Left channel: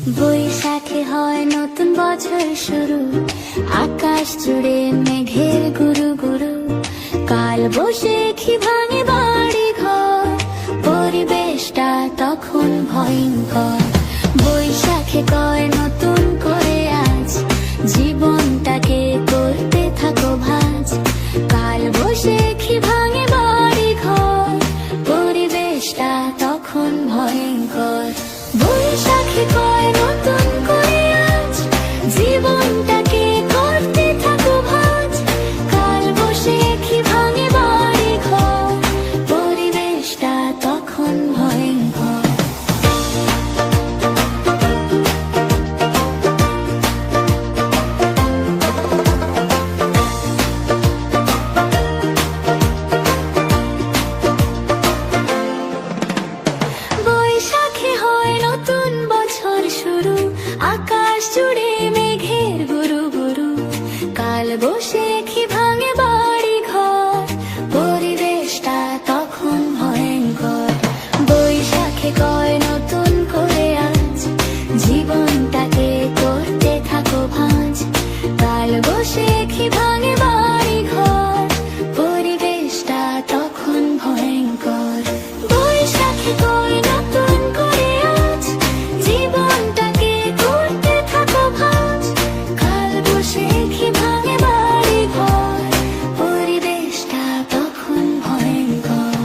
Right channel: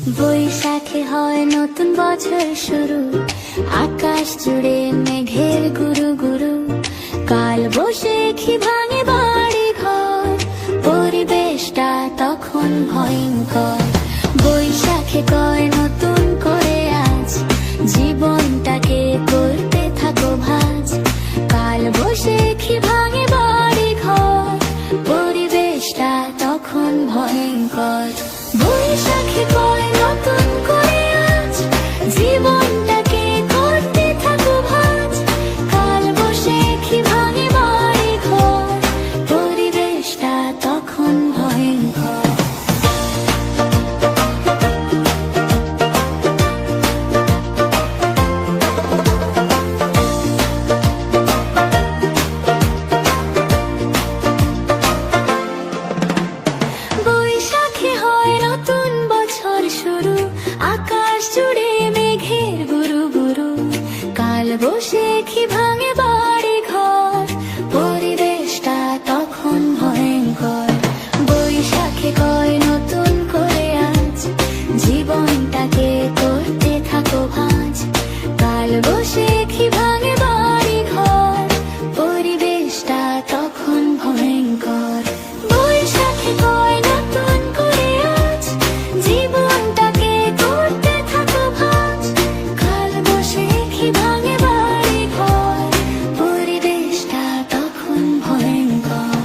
বৈশাখে হয় নতুন বছর শুরু, আকাশ জুড়ে মেঘের গুরু গুরু। কাল বৈশাখী ভাঙে বাড়ি ঘর, পরিবেশটা তখন ভয়ঙ্কর। বৈশাখে কয় নতুন করে আজ, জীবনটাকে করতে থাকো ভাঁজ। কাল বৈশাখী ভাঙে বাড়ি ঘর, পরিবেশটা তখন ভয়ঙ্কর। বৈশাখে কয় নতুন করে আজ, জীবনটাকে করতে থাকো ভাঁজ। কাল বৈশাখী ভাঙে বাড়ি ঘর, পরিবেশটা তখন ভয়ঙ্কর। বৈশাখে হয় নতুন বছর শুরু, আকাশ জুড়ে মেঘের গুরু গুরু। কাল বৈশাখী ভাঙে বাড়ি ঘর, পরিবেশটা তখন ভয়ঙ্কর। বৈশাখে কয় নতুন করে আজ, জীবনটাকে করতে থাকো ভাঁজ। কাল বৈশাখী ভাঙে বাড়ি ঘর, পরিবেশটা তখন ভয়ঙ্কর। বৈশাখে কয় নতুন করে আজ, জীবনটাকে করতে থাকো ভাঁজ। কাল বৈশাখী ভাঙে বাড়ি ঘর, পরিবেশটা তখন ভয়ঙ্কর।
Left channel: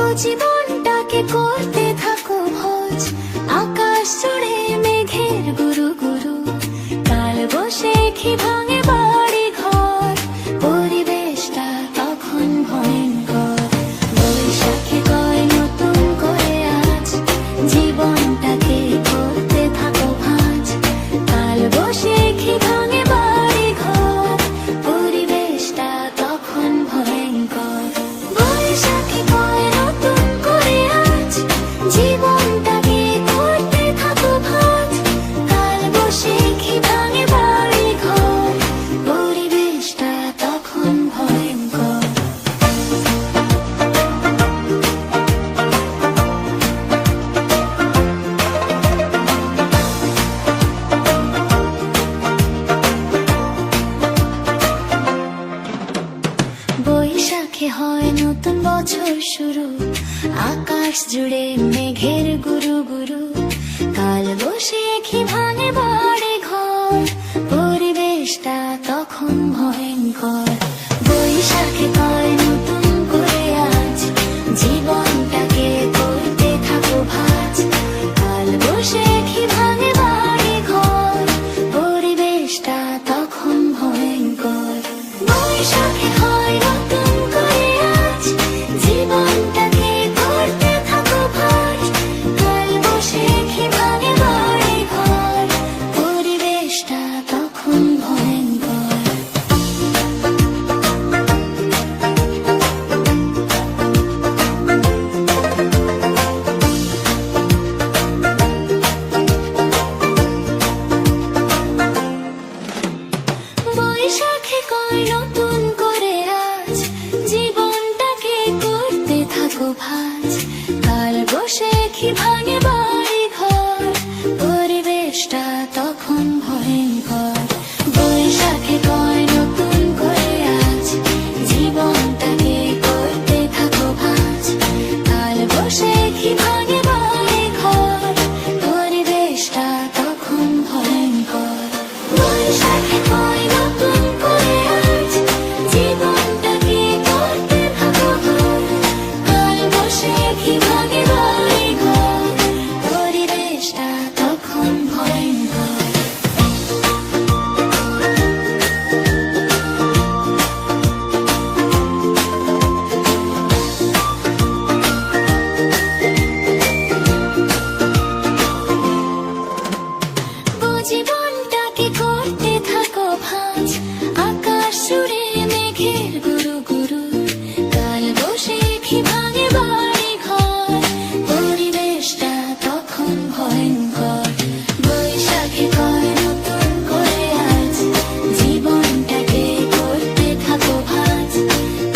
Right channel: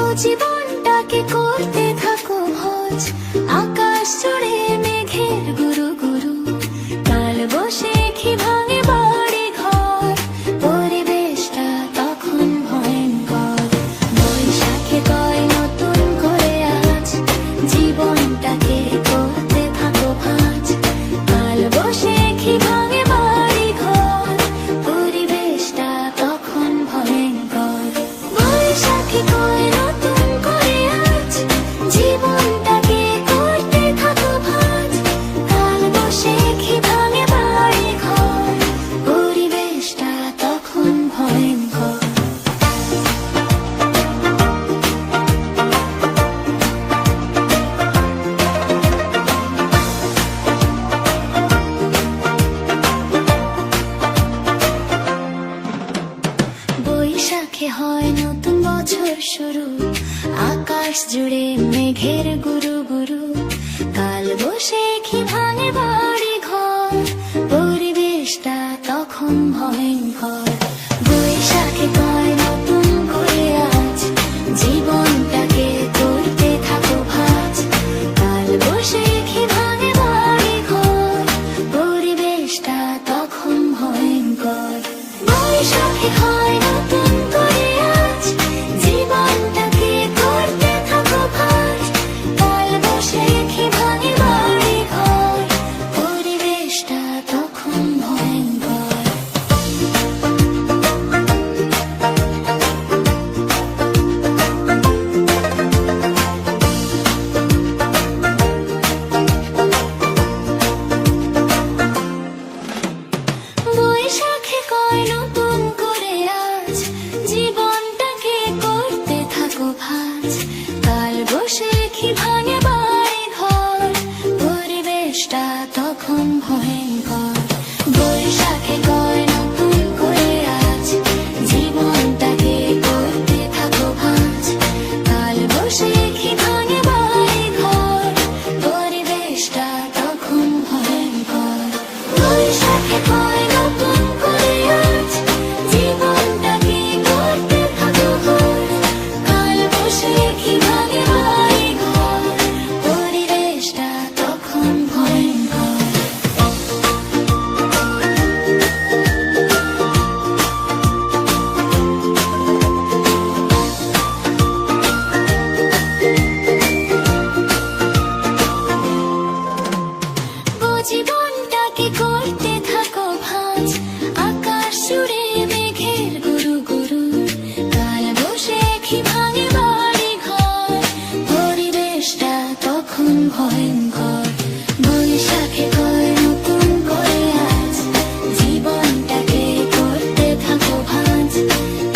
ও জীবনটাকে করতে থাকো ভোজ, আকাশ জুড়ে মেঘের গুরু গুরু। কাল বৈশাখী ভাঙে বাড়ি ঘর, পরিবেশটা তখন ভয়ঙ্কর। বৈশাখে কয় নতুন করে আজ, জীবনটাকে করতে থাকো ভাঁজ। কাল বৈশাখী ভাঙে বাড়ি ঘর, পরিবেশটা তখন ভয়ঙ্কর। বৈশাখী কয় নতুন করে আজ, জীবনটাকে করতে থাকো ভাঁজ। কাল বৈশাখী ভাঙে বাড়ি ঘর, পরিবেশটা তখন ভয়ঙ্কর। বৈশাখে হয় নতুন বছর শুরু, আকাশ জুড়ে মেঘের গুরু গুরু। কাল বৈশাখী ভাঙে বাড়ি ঘর, পরিবেশটা তখন ভয়ঙ্কর। বৈশাখে কয় নতুন করে আজ, জীবনটাকে করতে থাকো ভাঁজ। কাল বৈশাখী ভাঙে বাড়ি ঘর, পরিবেশটা তখন ভয়ঙ্কর। বৈশাখে কয় নতুন করে আজ, জীবনটাকে করতে থাকো ভাঁজ। কাল বৈশাখী ভাঙে বাড়ি ঘর, পরিবেশটা তখন ভয়ঙ্কর। বৈশাখে কয় নতুন করে আজ, জীবনটাকে করতে থাকো ভাঁজ। কাল বৈশাখী ভাঙে বাড়ি ঘর, পরিবেশটা তখন ভয়ঙ্কর। বৈশাখে কয় নতুন করে আজ, জীবনটাকে করতে থাকো ভাঁজ। কাল বৈশাখী ভাঙে বাড়ি ঘর, পরিবেশটা তখন ভয়ঙ্কর। বৈশাখে কয় নতুন করে আজ, জীবনটাকে করতে থাকো ভাঁজ। কাল বৈশাখী ভাঙে বাড়ি ঘর, পরিবেশটা তখন ভয়ঙ্কর। জীবনটাকে করতে থাকো ভাঁজ, আকাশ জুড়ে মেঘের গুরু গুরু। কাল বৈশাখী ভাঙে বাড়ি ঘর, পরিবেশটা তখন ভয়ঙ্কর। বৈশাখী শাখে কয় নতুন করে আজ জীবনটাকে করতে থাকো ভাঁজ।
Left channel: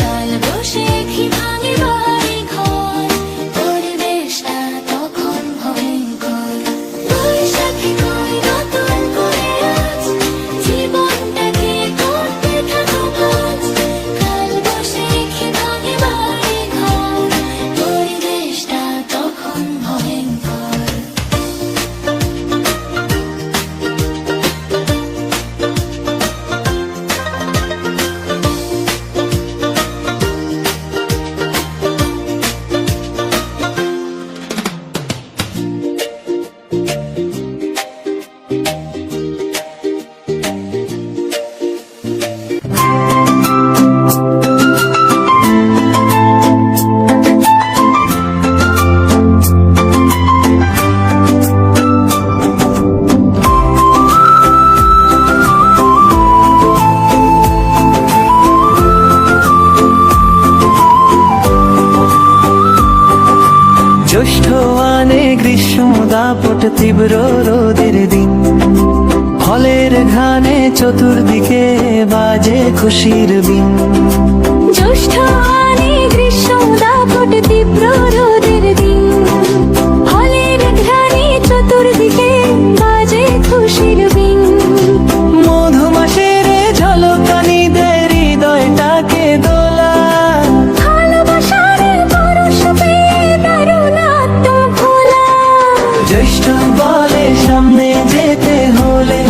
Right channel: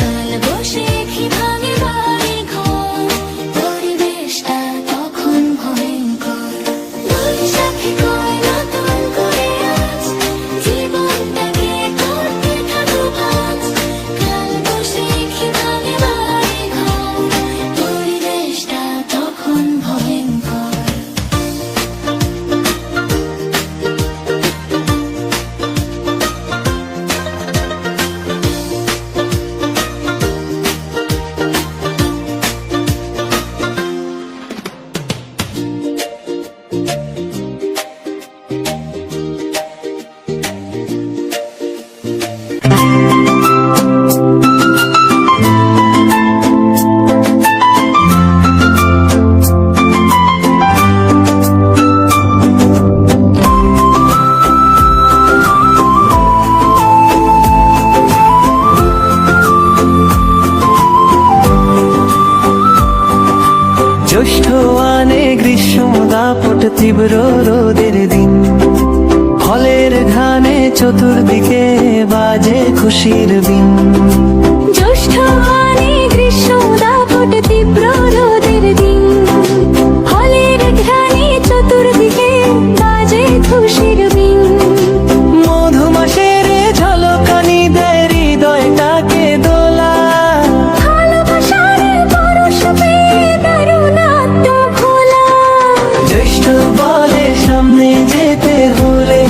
কাল বৈশাখী ভাঙে বাড়ি ঘর, পরিবেশটা তখন ভয়ঙ্কর। বৈশাখী কয় নতুন করে আজ জীবনটাকে করতে থাকো ভাঁজ। কাল বৈশাখী ভাঙে বাড়ি ঘর, পরিবেশটা তখন ভয়ঙ্কর। জ্যৈষ্ঠ আনে গ্রীষ্ম দাপট তীব্র রোদের দিন, ফলের ঘ্রাণে চতুর্দিকে বাজে খুশির বিন। জ্যৈষ্ঠ আনে গ্রীষ্ম দাপট তীব্র রোদের দিন, ফলের ঘ্রাণে চতুর্দিকে বাজে খুশির বিন। মধুমাসের ঝলকানি দেয় হৃদয়টাকে দোলা, ভালোবাসার পরশ পেয়ে দারুণ আত্মভোলা। জ্যৈষ্ঠ বলে সামনে যেতে হলে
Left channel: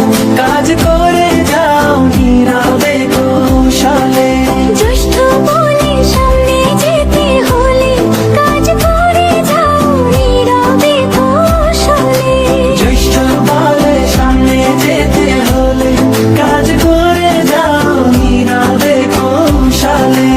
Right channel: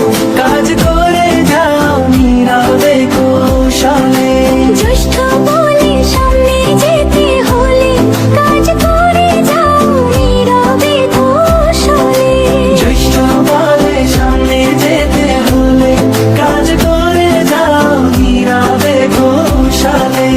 কাজ করে যাও নীরবে কৌশলে। জ্যৈষ্ঠ বলে সামনে যেতে হলে কাজ করে যাও নীরবে কৌশলে। জ্যৈষ্ঠ বলে সামনে যেতে হলে কাজ করে যাও নীরবে কৌশলে।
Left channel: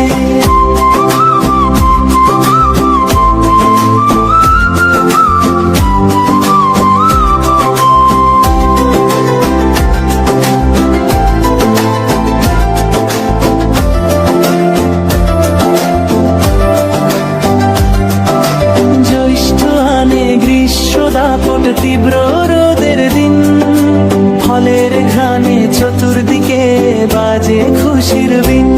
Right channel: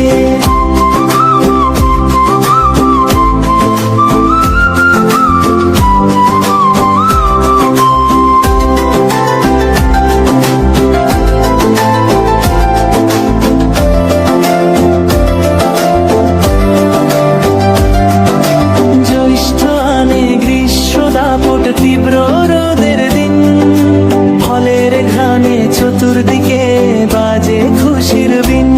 জ্যৈষ্ঠ আনে গ্রীষ্ম দাপট তীব্র রোদের দিন, ফলের ঘ্রাণে চতুর্দিকে বাজে খুশির বিন।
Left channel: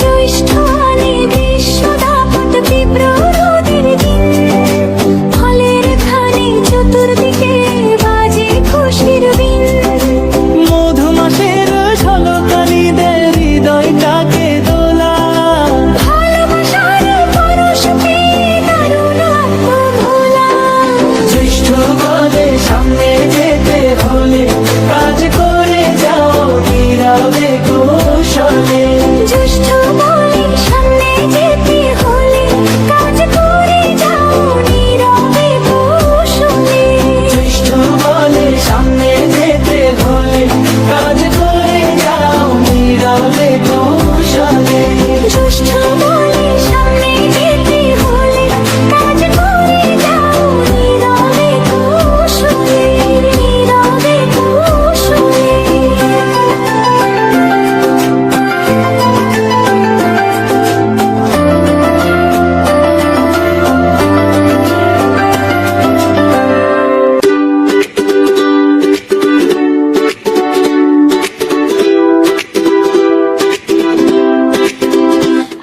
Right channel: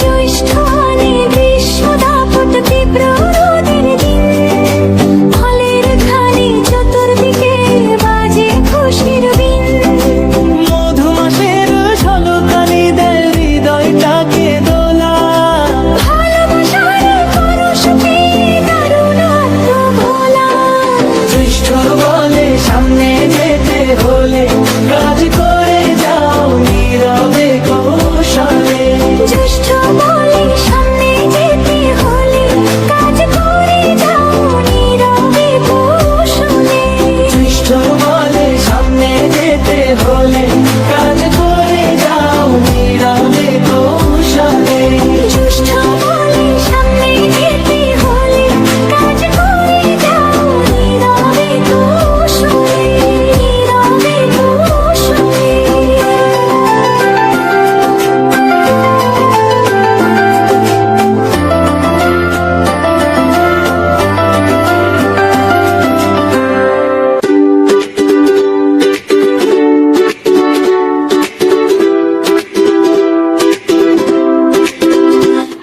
জ্যৈষ্ঠ আনে গ্রীষ্ম দাপট তীব্র রোদের দিন, ফলের ঘ্রাণে চতুর্দিকে বাজে খুশির বিন। মধুমাসের ঝলকানি দেয় হৃদয়টাকে দোলা, ভালোবাসার পরশ পেয়ে দারুণ আত্মভোলা। জ্যৈষ্ঠ বলে সামনে যেতে হলে কাজ করে যাও নীরবে কৌশলে। জ্যৈষ্ঠ বলে সামনে যেতে হলে কাজ করে যাও নীরবে কৌশলে। জ্যৈষ্ঠ বলে সামনে যেতে হলে কাজ করে যাও নীরবে কৌশলে। জ্যৈষ্ঠ বলে সামনে যেতে হলে কাজ করে যাও নীরবে কৌশলে, নীরবে কৌশলে।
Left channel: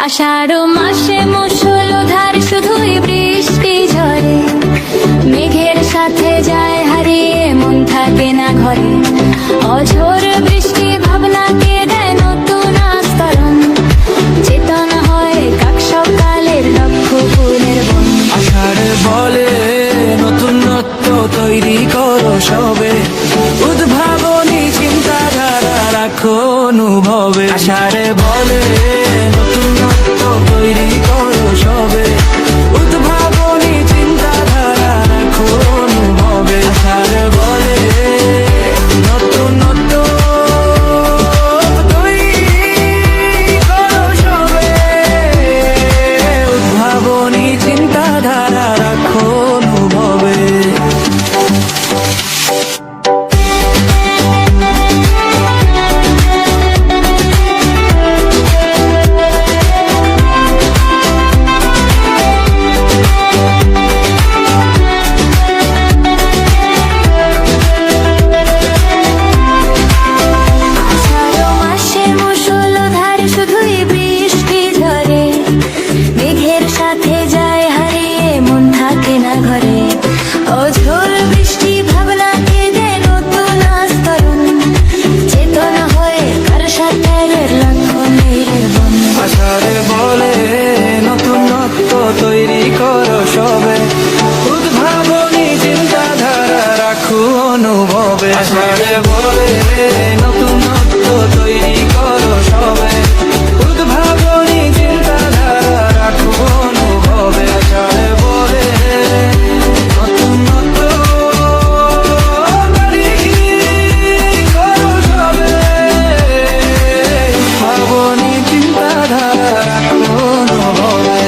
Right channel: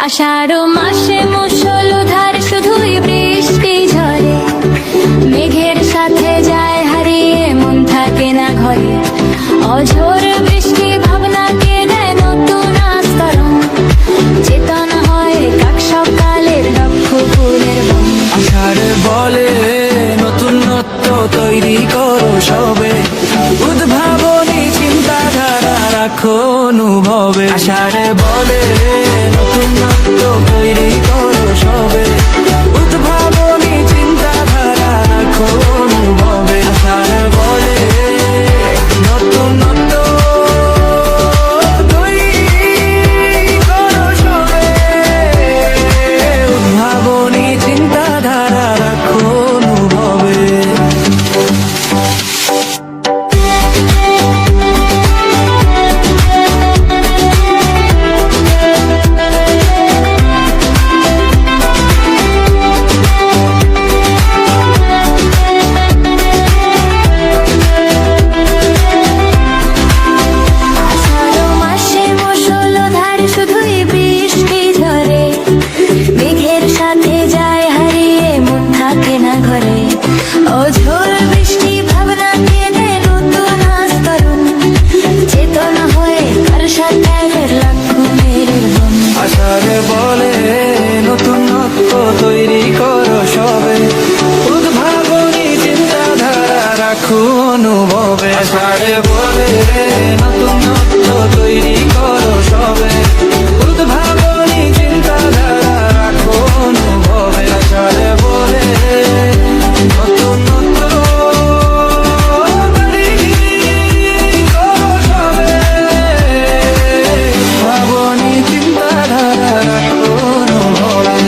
আষাঢ় মাসে মুষলধার শুধুই বৃষ্টি ঝরে, মেঘের সাথে যায় হারিয়ে মন থাকে না ঘরে। অঝোর বৃষ্টি ভাবনাকে দেয় নতুন আস্তরণ, চেতনা হয় কাক সকালের লক্ষ ফুলের বন। আষাঢ় বলে নতুনত্ব তৈরি করো সবে, উদ্ভাবনী চিন্তাধারা রাখো অনুভবে। আষাঢ় বলে নতুনত্ব তৈরি করো সবে, উদ্ভাবনী চিন্তাধারা রাখো অনুভবে। আষাঢ় বলে নতুনত্ব তৈরি করো সবে, উদ্ভাবনী চিন্তাধারা রাখো অনুভবে। মেঘের সাথে যায় হারিয়ে মন থাকে না ঘরে অঝোর বৃষ্টি ভাবনা কেঁদে নতুন আস্তরণ চেতনা হয়ে কার সাথে লক্ষণের বন আষাঢ়ে বলে নতুনত্ব তৈরি করো সবে উদ্ভাবনী চিন্তাধারা রাখো অনুভবে আষাঢ়ে বলে নতুনত্ব তৈরি করো সবে উদ্ভাবনী চিন্তাধারা রাখো অনুভবে আষাঢ়ে বলে নতুনত্ব ভাবনি চিন্তাধারা রাখো অনুভবে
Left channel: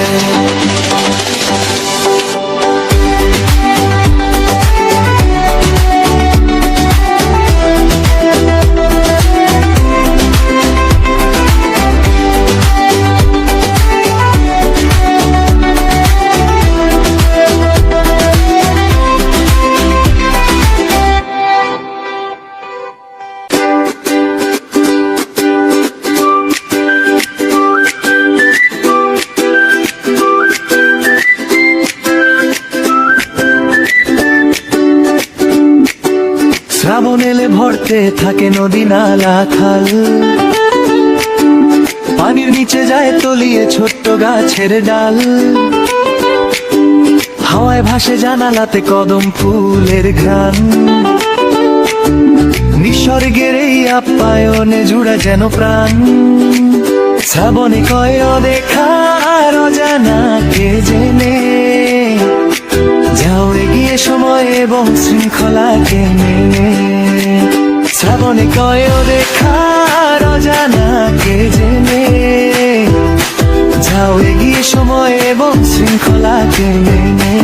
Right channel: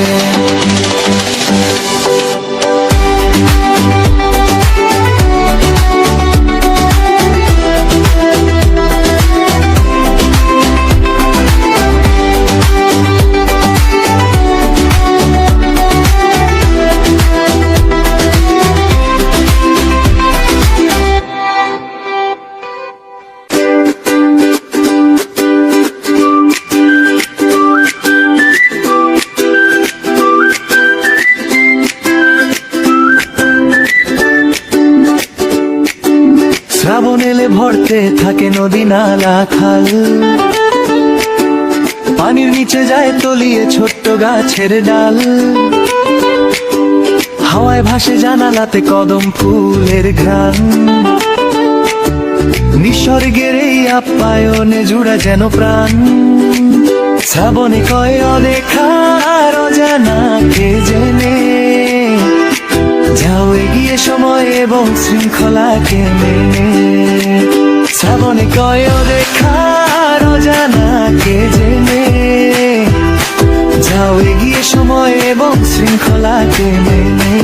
শ্রাবণ এলে ভরতে থাকে নদী নালা খাল পানির নিচে যায় তলিয়ে ছোট্ট গাছের ডাল হাওয়ায় ভাসে জানালাতে কদম ফুলের ঘ্রাণ নিসর্গের এই আপ্যায়নে জুড়ে যেন প্রাণ শ্রাবণে কয় অদেখা আর অজানা কে জেনে যাও এগিয়ে সময় এবং শৃঙ্খলাকে মেনে শ্রাবণে কয় দেখার অজানাকে জেনে যাও এগিয়ে সময় এবং শৃঙ্খলাকে মেনে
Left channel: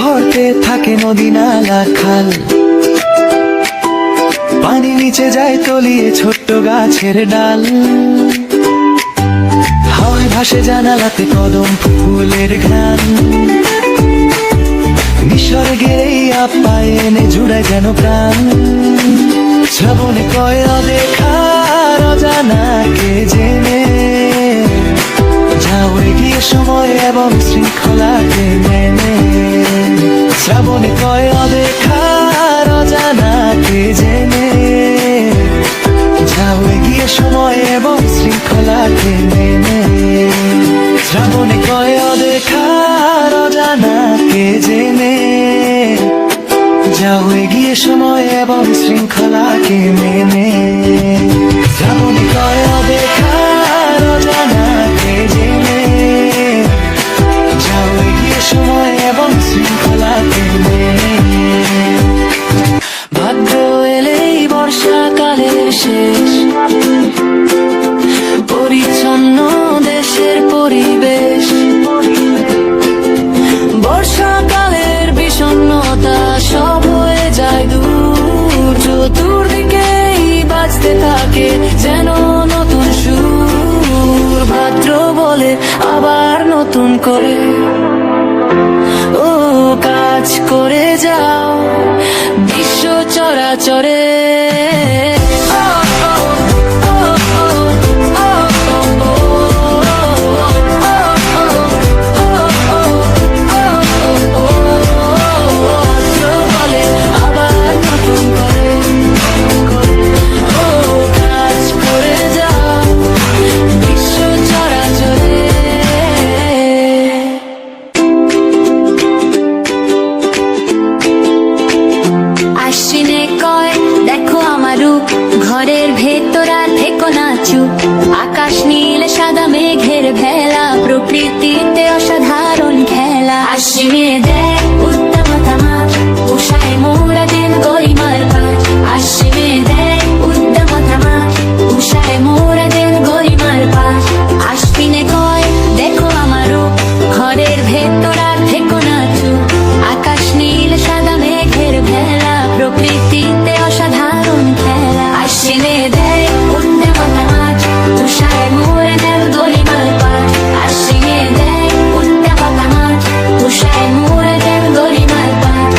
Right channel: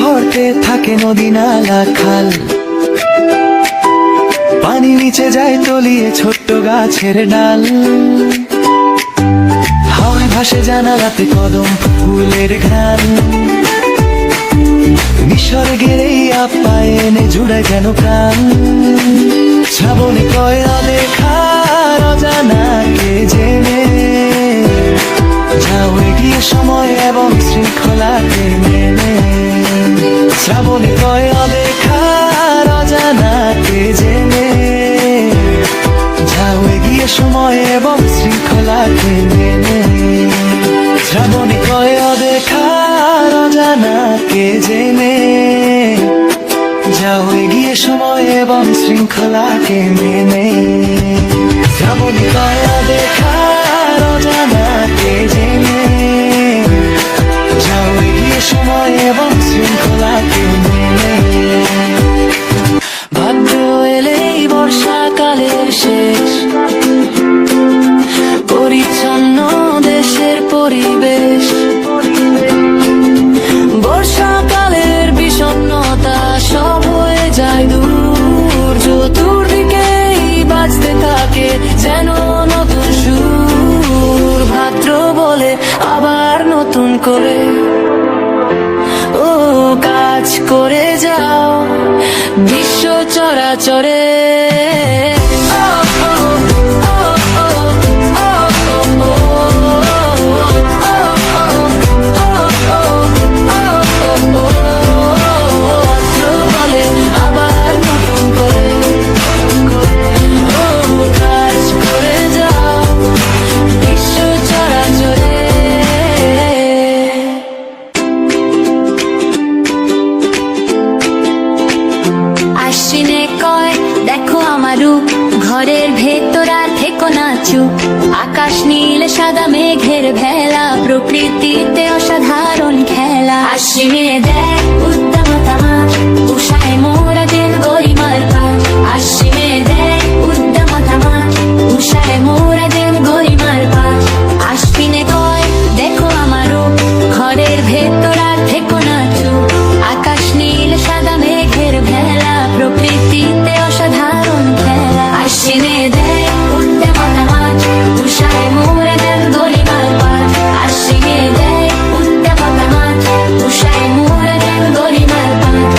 ভরতে থাকে নদী নালা খাল পানি নিচে যায় তলিয়ে ছোট্ট গাছের ডাল হাওয়ায় ভাসে জানালাতে কদম ফুলের ঘ্রাণ নিসর্গের এই আপ্যায়নে জুড়ে যেন প্রাণ শ্রাবণে কয় অদেখার অজানাকে জেনে যাও এগিয়ে সময় এবং শৃঙ্খলাকে মেনে শ্রাবণে কয় অদেখার অজানাকে জেনে যাও এগিয়ে সময় এবং শৃঙ্খলাকে মেনে শ্রাবণে কয় অদেখার অজানাকে জেনে যাও এগিয়ে সময় এবং শৃঙ্খলাকে মেনে শ্রাবণে কয় অদেখার অজানাকে জেনে যাও এগিয়ে সময় এবং শৃঙ্খলাকে মেনে ভাদ্র এলেই বর্ষাকালের শেষ পরিচ্ছন্ন দেশের পরিবেশ বর্ষাকালের বিষণ্ণতা সব হয়ে যায় দূর চতুর্দিকেই বাজতে থাকে যেন নতুন সুর ভাদ্র বলে আবার নতুন করে ও কাজ করে যাও বিশ্ব চরাচরে ঘরের ভেতর আর থেকো না চুপ আকাশ নীল সাদা মেঘের ভেলা প্রকৃতিতে অসাধারণ খেলা আশ্বিনে দেখ উত্তমতা মাছ উষায় মোরা দিন গরিমার পাঠ আশ্বিনে দেখ উত্তমতা মাছ উষায় মোরা দিন গরিমার পাঠ আশ্বিনে কয় দেখো আমারও ঘরের ভেতর আর থেকো না চুপ আকাশ নীল সাদা মেঘের ভেলা প্রকৃতিতে আশ্বিনে দেয় উঠতে মাথা মাঠ উষায় মোরে দেন গরিমার পাঠ আশ্বিনে দেয় উঠতে মাথা মাঠ উষায় মোরে দেন গরিমার পাঠ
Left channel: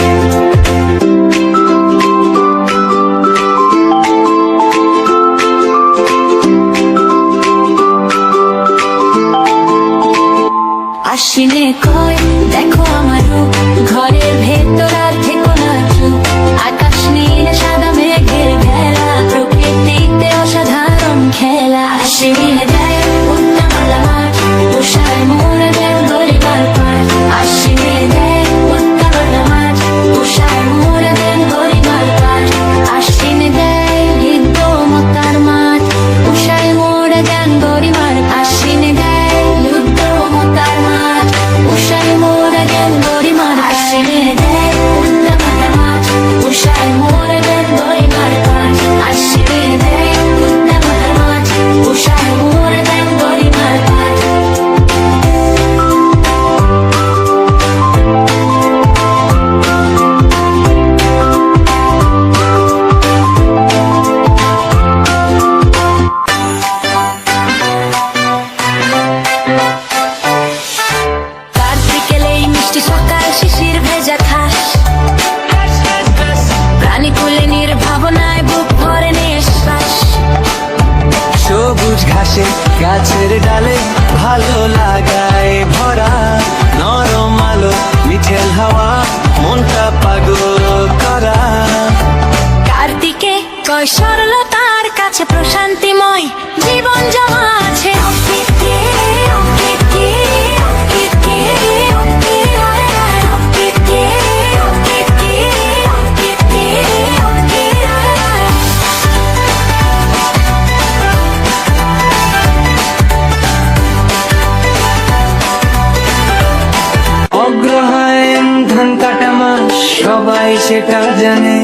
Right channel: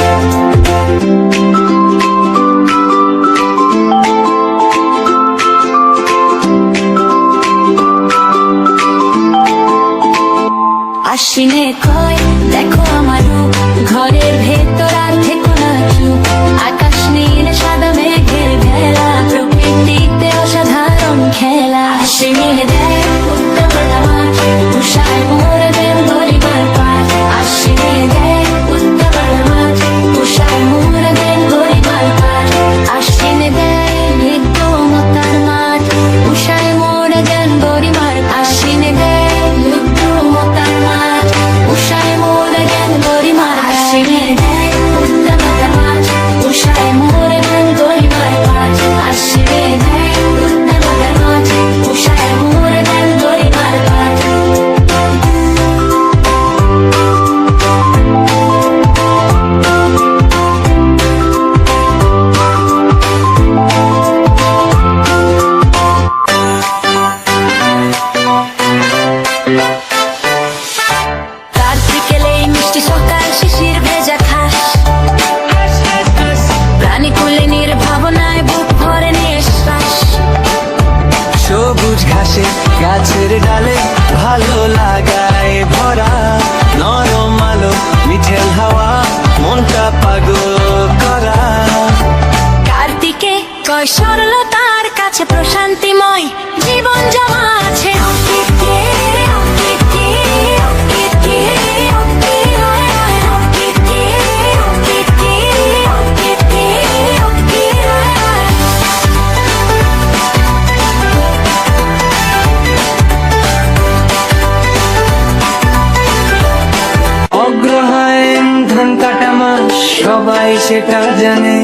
আশ্বিনে কয় দেখো আমার রূপ ঘরের ভেতর আর থেকো না চুপ আকাশ নীল সাদা মেঘের ভেলা প্রকৃতিতে অসাধারণ খেলা আশ্বিনে দেয় উত্তমলা মাঠ উষায় মোরে দেন গরিমার পাঠ আশ্বিনে দেয় উত্তমলা মাঠ উষায় মোরে দেন গরিমার পাঠ আশ্বিনে দেয় হৃদয়মতার মাঠ উষায় মোরে দেন গরিমার আশ্বিনে দেয় হৃদয়মতার মাঠ উষায় মোরে দেন গরিমার আশ্বিনে দেয় উত্তমলা মাঠ উষায় মোরে দেন গরিমার পাঠ আশ্বিনে দেয় উত্তমলা মাঠ উষায় মোরে দেন গরিমার পাঠ কার্তিকেলে এই মিষ্টি সকাল শিশির ভেজা খাস প্রাণী কুলে নির্ভাবনায় বুক ভরে নিঃশ্বাস সবুজ ঘাসে গাছের ডালে ভালো লাগায় ভরা নরম আলো মিঠেল হাওয়া মনটা পাগল করা কার্তিকে কয় সরলতার কাছে প্রশান্তিময় জীবন জমা আছে অঙ্কিতে, অঙ্কিতে, অঙ্কিতে, অঙ্কিতে, অঙ্কিতে, অঙ্কিতে, অঙ্কিতে, অঙ্কিতে। অগ্রহায়ণ ধান কাটা মাস সবাই সেটা জানে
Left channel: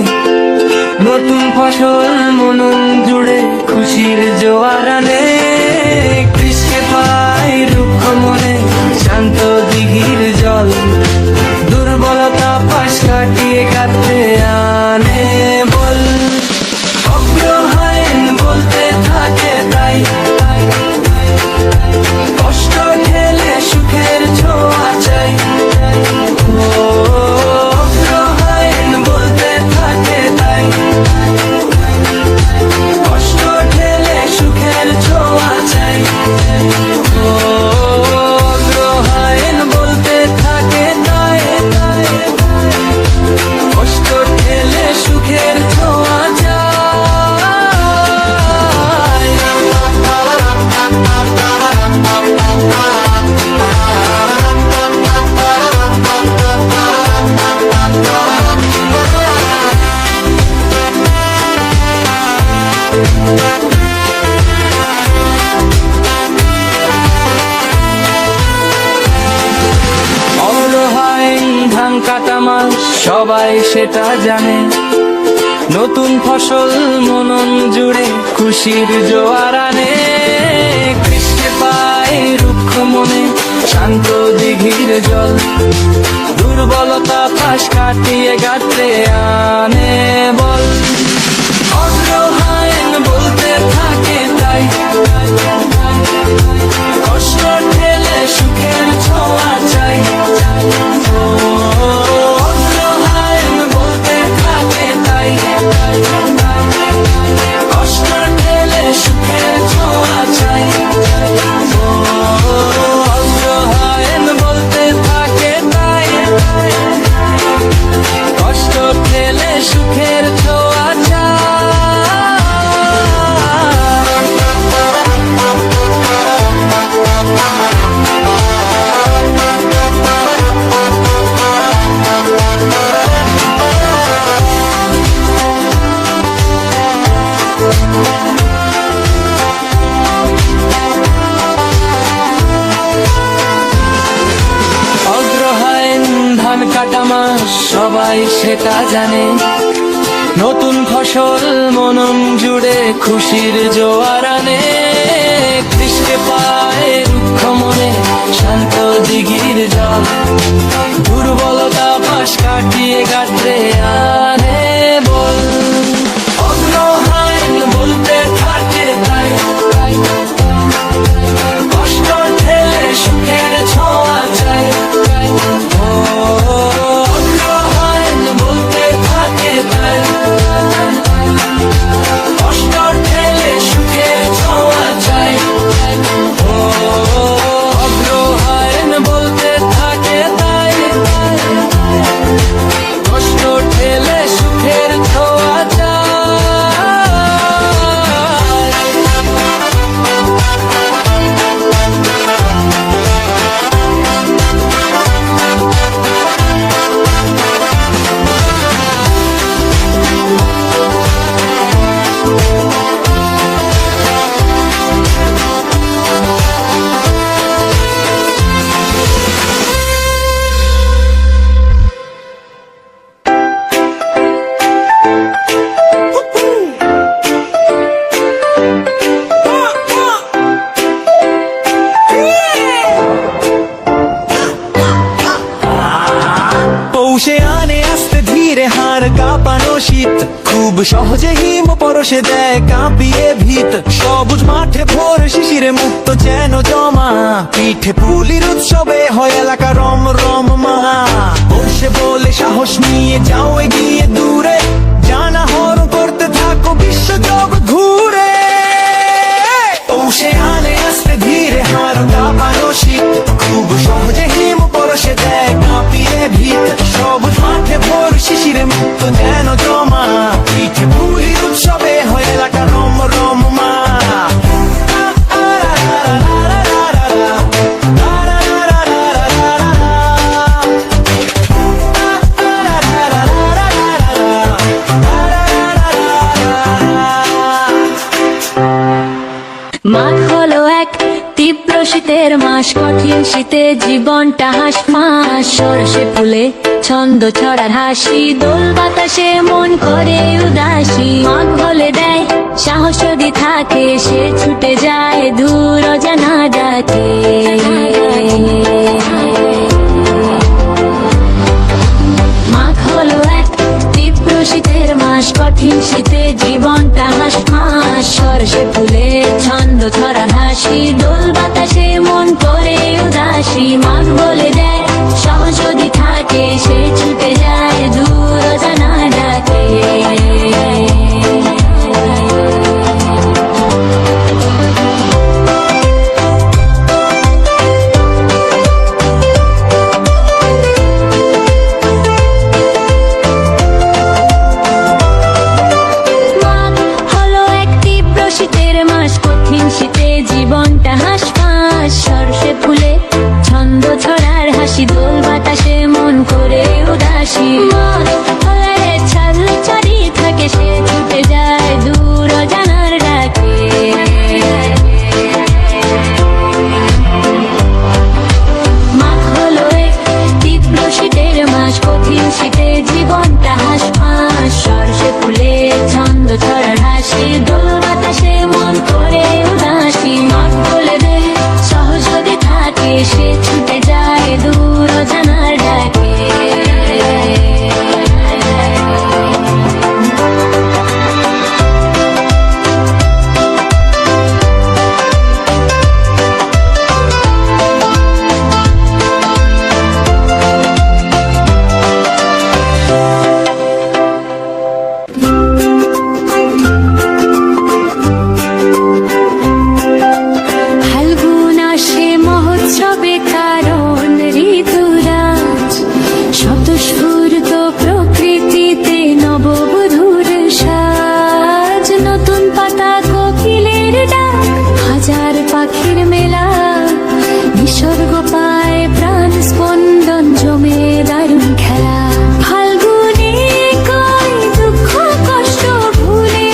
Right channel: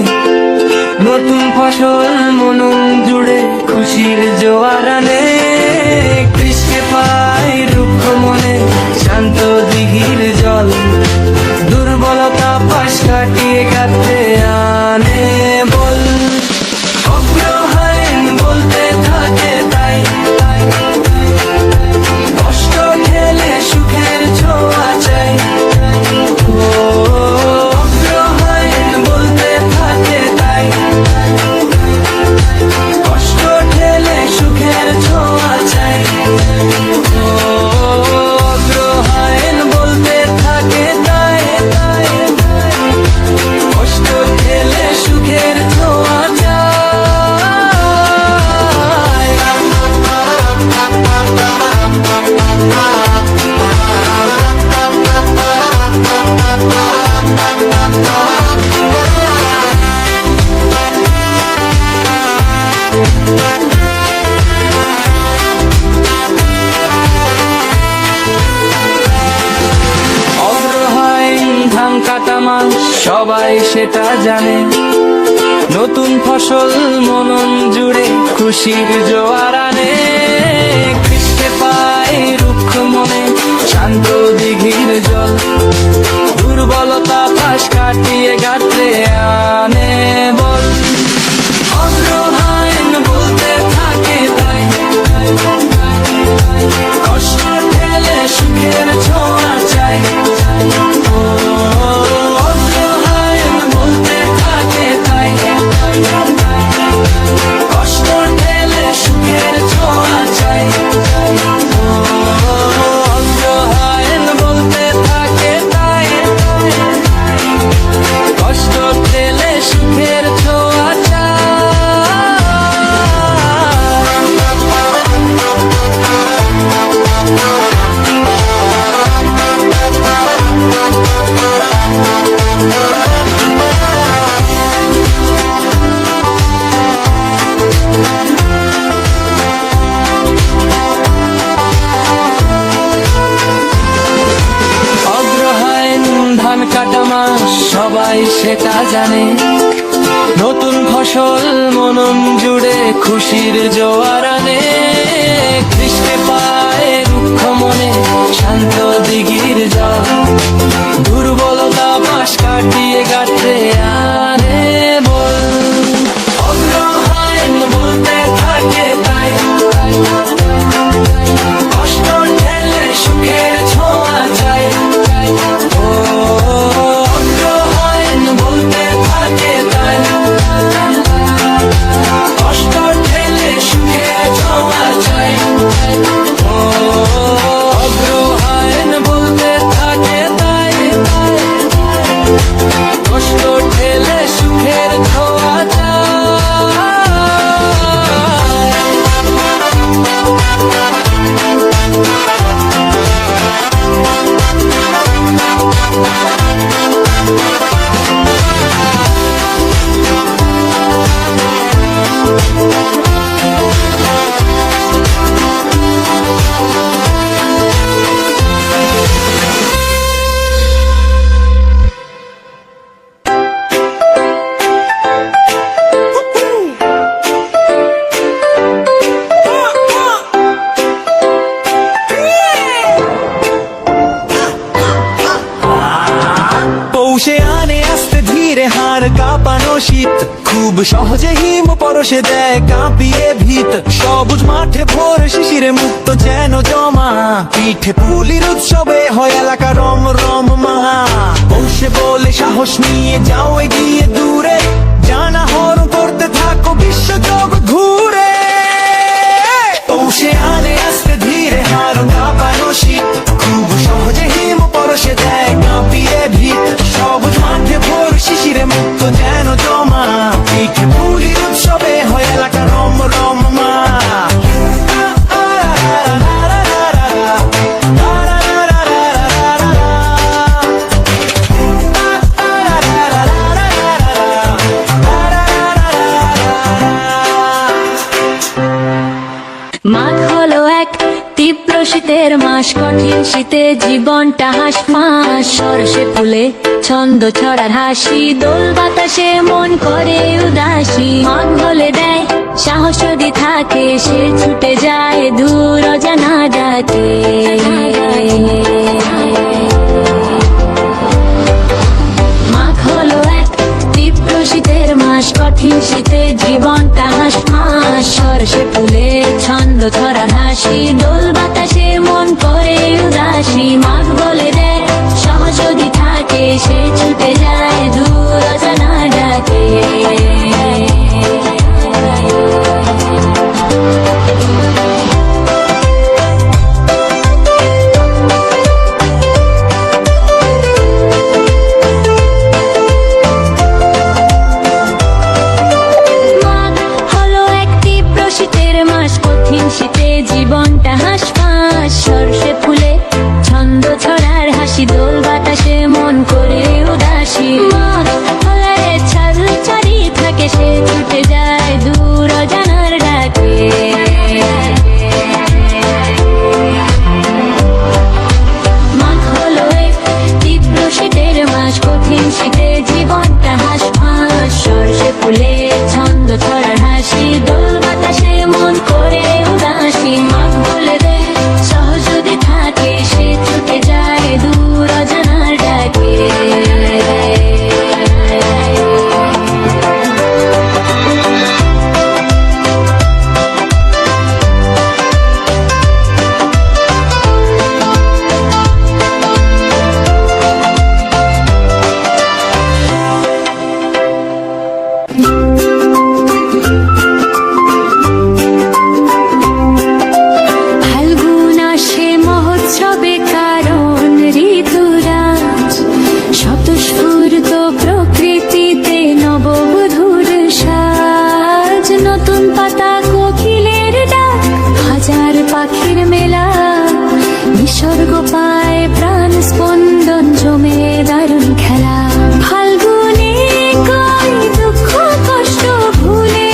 নতুন ফসল মনন জুড়ে খুশির জোয়ার আনে কৃষ্ণে পায় রুক্ষ মনে শান্ত দিঘির জল দুর্বলতা পাশ কাটিয়ে কাটতে আনে বল অগ্রহায়ণ বলতে থাকে তাই কষ্ট ঠেলে সুখের ছোঁয়া চাই ও অগ্রহায়ণ বলতে থাকে তাই কষ্ট ঠেলে সুখের ছোঁয়া চাই ও অগ্রহায়ণ বলতে থাকে তাই কষ্ট ঠেলে সুখের ছোঁয়া চাই অগ্রহায়ণ ধান কাটা মাস সবাই সেটা জানে নতুন ফসল মনন জুড়ে খুশির জোয়ার আনে কৃষ্ণে পায় রুক্ষ মনে শান্ত দিঘির জল দুর্বলতা পাশ কাটিয়ে গাত্রে আনে বল অগ্রহায়ণ বলতে থাকে তাই কষ্ট ঠেলে সুখের ছোঁয়া চাই ও অগ্রহায়ণ বলতে থাকে তাই কষ্ট ঠেলে সুখের ছোঁয়া চাই ও অগ্রহায়ণ বলতে থাকে তাই কষ্ট ঠেলে সুখের ছোঁয়া চাই অগ্রহায়ণ ধান কাটা মাস সবাই সেটা জানে নতুন ফসল মনন জুড়ে খুশির জোয়ার আনে কৃষ্ণে পায় রুক্ষ মনে শান্ত দিঘির জল দুর্বলতা পাশ কাটিয়ে গাত্রে আনে বল অগ্রহায়ণ বল ধীরে হাড় কাঁপানো শীত, খুব সহজে হিম পরশে দেয় কাঁপিয়ে ভিত। সবুজ মাঠে ভোর শিশিরে মুক্ত যেন জমা, পিঠে পুলির উৎসবে হয় এলাকা রম রম মা। পৌষে বলে সাহস নিয়ে যাও এগিয়ে দূরে, জানা হরণ করতে থাকো বিশ্ব জগৎ ঘুরে। পৌষে আনে আস্তে ধীরে হাড় কাঁপানো শীত, খুব সহজে হিম পরশে দেয় কাঁপিয়ে ভিত। সবুজ মাঠে ভোর শিশিরে মুক্ত যেন জমা, পিঠে পুলির উৎসবে হয় এলাকা রম রম মা। মাঘ হলো এক তীব্র শীতের মাস, কঠিন শীতে জীবনটা হাঁসফাঁস। সরষে ফুলে ছন্দ ছড়ার হাসি, দোল বাতাসে মন করে উদাসী। মাঘ হলে দেয় সাহস যদি থাকে, সে ছুটে যায় দূর অজানা ডাকে। মাঘ হলো এক তীব্র শীতের মাস, কঠিন শীতে জীবনটা হাঁসফাঁস। সরষে ফুলে ছন্দ ছড়া হাসি, দোল বাতাসে মন করে উদাসী। মাঘ বলে দেয় সাহস যদি থাকে, সে ছুটে যায় দূর অজানা ডাকে। কঠিন শীতে জীবনটা হাঁসফাঁস। সরষে ফুলে ছন্দ ছড়ার হাসি, দোল বাতাসে মন করে উদাসী। মাঘ হলে ছাল চারি থাকে, সে ছুটে যায় দূর অজানার ডাকে। মাঘ হলো এক তীব্র শীতের মাস, কঠিন শীতে জীবনটা হাঁসফাঁস। সরষে ফুলে ছন্দ ছড়ার হাসি, দোল বাতাসে মন করে উদাসী। মাঘ বলে দেয় সহজ যদি থাকে, সে ছুটে যায় দূর অজানার ডাকে। উৎসবে কারণ ঋতুরাজ, স্বতঃস্ফূর্ত প্রকৃতিতে নববধূর সাজ। নতুন পাতা কোকিলের ডাক, হাজার পাখির মেলা, নিসর্গ পায় প্রাণ স্পন্দন, জমে দারুণ খেলা। ফাল্গুনে কই দুঃখ কষ্ট ভুলে,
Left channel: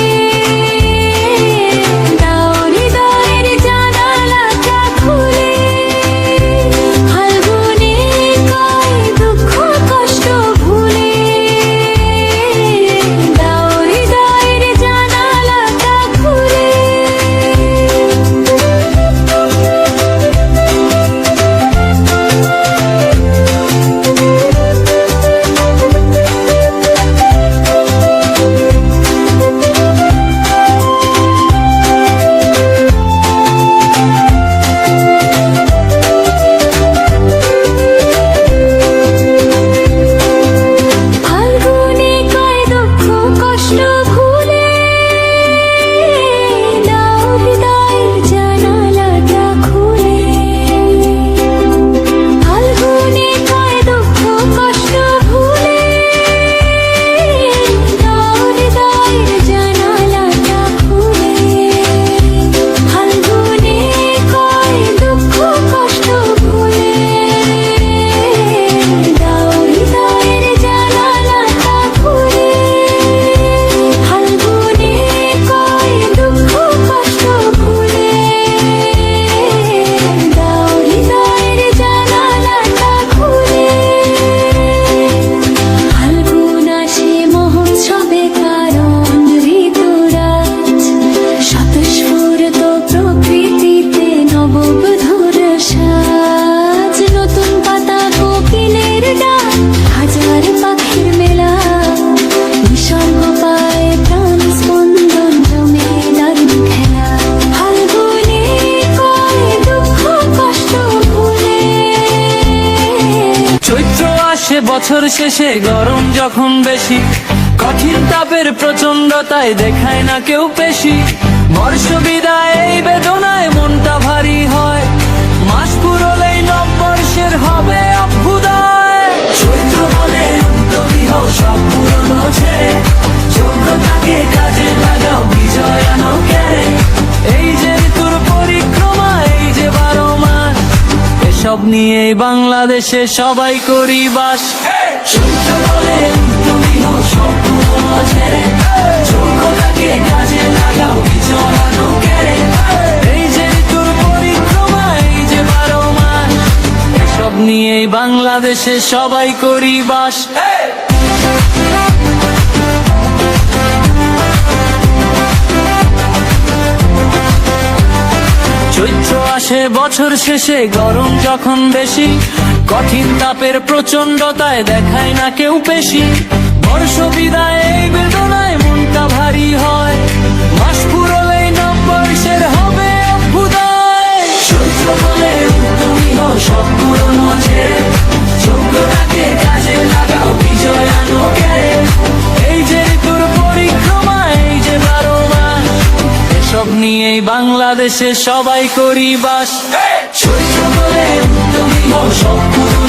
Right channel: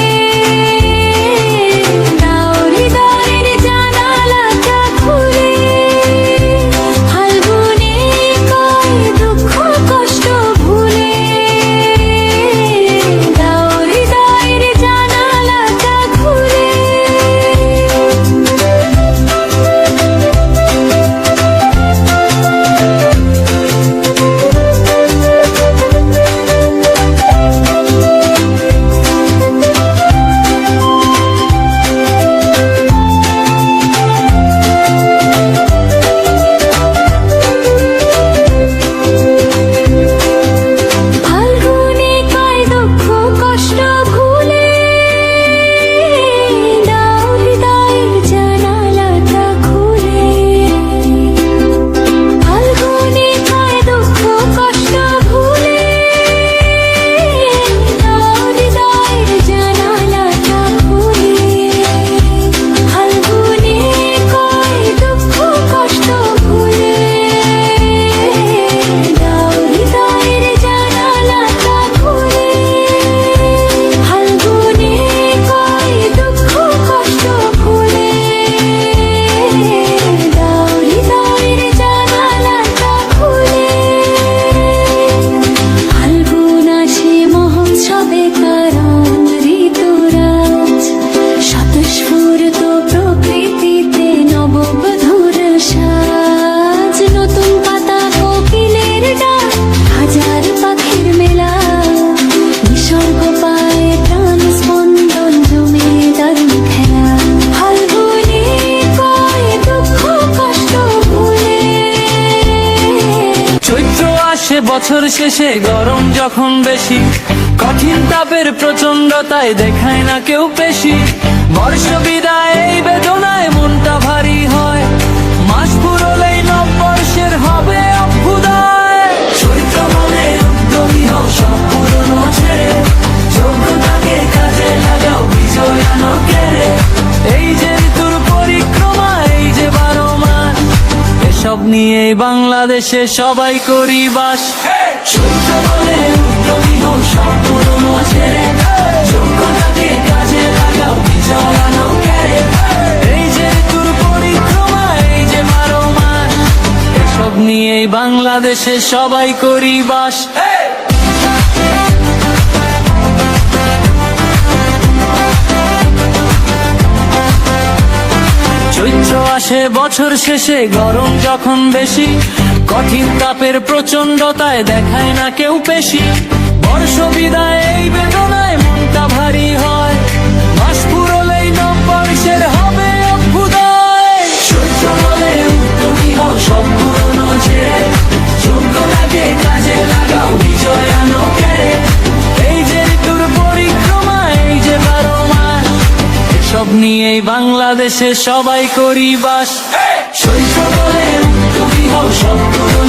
স্বতঃস্ফূর্ত প্রকৃতিতে নববধূর সাজ। নতুন পাতা কোকিলের ডাক, হাজার পাখির মেলা, নিসর্গ পায় প্রাণ স্পন্দন, জমে দারুণ খেলা। ফাল্গুনে কয় দুঃখ কষ্ট ভুলে, চৈত্র আসে বছর শেষে, গরম যখন বেশি, কঠিন তাপের প্রচন্ডতায় দেখায় না কেউ পেশি। বর্ষ বিদায় এই বেদনায় মনটা ভারী হয়, মাস পুরলেই নববর্ষের হবে অভ্যুদয়। চৈত্র বলে উদ্যমী হও, সব পুরনো ছেড়ে, যোগ্যতাকে কাজে লাগাও, বিজয় আনো কেড়ে। এই যে ঋতুর পরিক্রমা, এই যে 12 মাস, এসব নিয়েই বাংলাদেশে সবাই করি বাস। চৈত্র বলে উদ্যমী হও, সব পুরনো ছেড়ে, যোগ্যতাকে কাজে লাগাও, বিজয় আনো কেড়ে। এই যে ঋতুর পরিক্রমা, এই যে 12 মাস, এসব নিয়েই বাংলাদেশে সবাই করি বাস। চৈত্র আসে বছর শেষে, গরম যখন বেশি, কঠিন তাপের প্রচন্ডতায় দেখায় না কেউ পেশি। বর্ষ বিদায় এই বেদনায় মনটা ভারী হয়, মাস পুরলেই নববর্ষের হবে অভ্যুদয়। চৈত্র বলে উদ্যমী হও, সব পুরনো ছেড়ে, যোগ্যতাকে কাজে লাগাও, বিজয় আনো কেড়ে। এই যে ঋতুর পরিক্রমা, এই যে 12 মাস, এসব নিয়েই বাংলাদেশে সবাই করি বাস। চৈত্র বলে উদ্যমী হও, সব পুরনো